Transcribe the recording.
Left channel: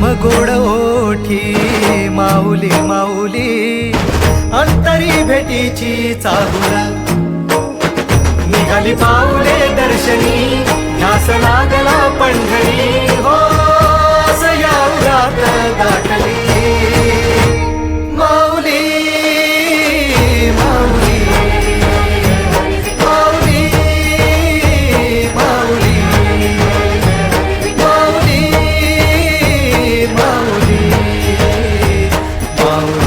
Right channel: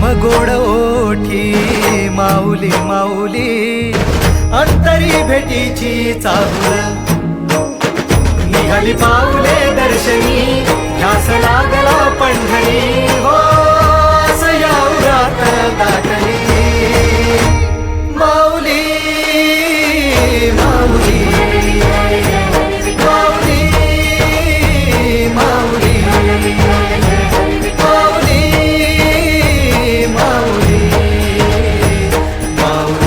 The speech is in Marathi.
घम गोड ओठी माऊली माऊली अंतरी भेटीची चाहुल निघाली पाऊले दर्शनी ध्यास लागला पंढरी हो या उरात दाटली माऊली माऊली माऊली माऊली माऊली माऊली माऊली